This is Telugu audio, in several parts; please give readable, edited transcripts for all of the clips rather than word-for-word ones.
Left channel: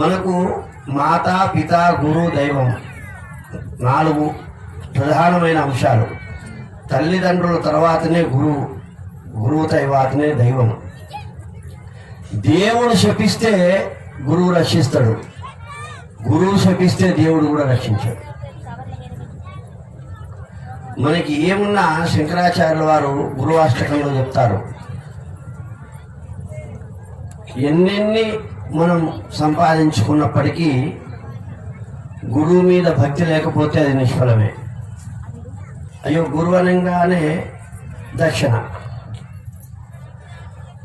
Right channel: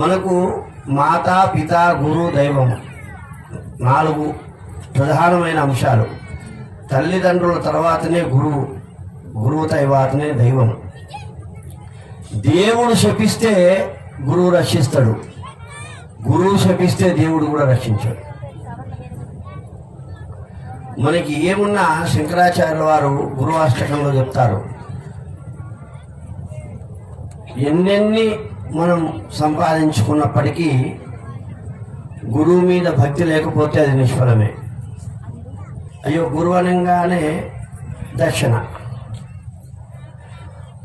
మనకు మాతా పిత గురు దైవం 4 ప్రధానమైన అంశాలు. తల్లిదండ్రుల తర్వాతనే గురువు, గురువు తర్వాతనే దైవం. దేవుడు శపిస్తే గురువు రక్షిస్తాడు, గురువు శపిస్తే దేవుడు కూడా రక్షించాడు. మనకి ఏమున్నా శంకరాచార్యుల వారు గురువాష్టకంలో చెప్తారు, ఎన్నెన్ని మనం సంపాదించుకున్నప్పటికీ గురువు మీద భక్తి లేకపోతే అది నిష్ఫలమే. అయ్యో గురువు అనగానే దక్షిణ,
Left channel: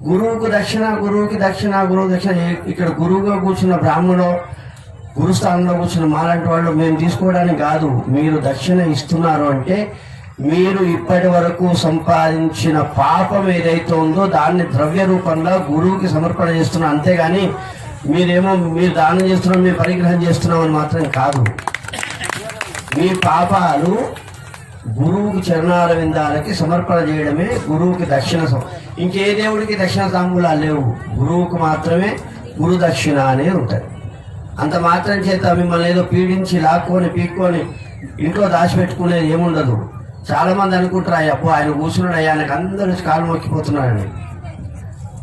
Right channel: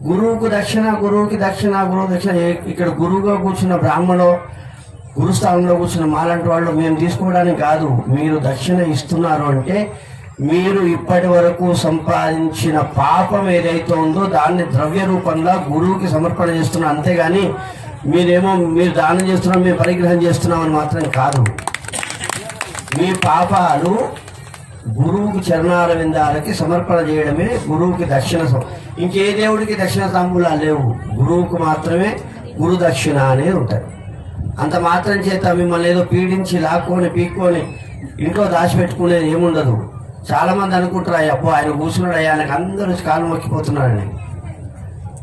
గురువుకి దక్షిణ, గురువుకి దక్షిణ, గురువు దక్షిణ. ఇక్కడ గురువుగా కూర్చున్న బ్రాహ్మణుడు, గురుస్థానంలో కూర్చున్న మాలాంటి వాళ్ళు మేము తీసుకోవడానికి కాదు. మీరు దక్షిణ ఇస్తున్నారు అంటే మీరు ఇప్పటి వరకు సంపాదించిన పాపం ఏదైతే ఉందో దాన్ని ద్రవ్య రూపంగా గురువుకి సమర్పణ చేస్తున్నారు, అంతేగాని మీరు దానం చేస్తున్నాం, మేము పరిగ్రహం చేస్తున్నామని మాత్రం కాదు. మీ పాపాలు గురువుకి చరణాల విందాలకి సమర్పణ చేయడమే గురువుకి దక్షిణ. ఇంకే దేవుడికి దక్షిణ తాంబూలాలు లేవు, గురువుకు మాత్రమే గురు దక్షిణ అనేది ఉంటాయి. అంత మాత్రం చేత మిమ్మల్ని ఏదో పీడించి లాక్కొని పీక్కొని ఇంట్లో దాచిపెట్టుకునేది ఏముండదు. చాలా మంది అనుకుంటారు, అబ్బో ఆయన కూర్చున్నాడు, ఆయనకు అందరూ కాలు మొక్కిపోతున్నారని.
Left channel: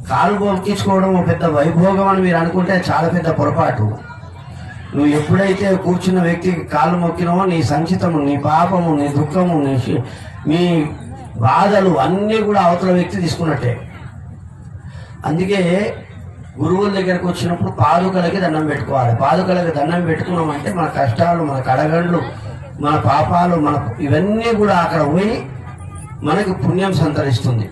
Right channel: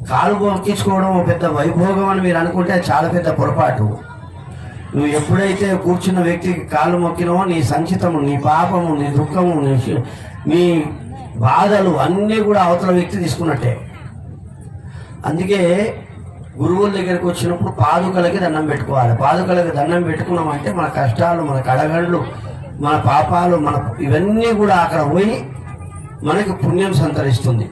కాలు మొక్కించుకోవడం పెద్ద వైభోగం అని మీరు అనుకుంటే చాలా పెద్ద పొరపాటు. నువ్వు ఎప్పుడైతే కూర్చున్న వ్యక్తికి కాలు మొక్కినవో నీ సంచితము, నీ పాపము, నీ దుఃఖము, నీ బాధలు అన్నీ కూడా అవతల వ్యక్తి తీసుకున్నట్టే. అందుకే గురువుల దగ్గరికి వచ్చినప్పుడు పాదుకలకి దండం పెట్టుకోవాలి. పాదుకలకి దండం పెట్టుకున్నామంటే మన కష్టాలు, మన కడగండ్లు, మన పాపాలు, ఇవన్నీ కూడా అక్కడ పోయి మనకు పుణ్యం సంతరిస్తుంది.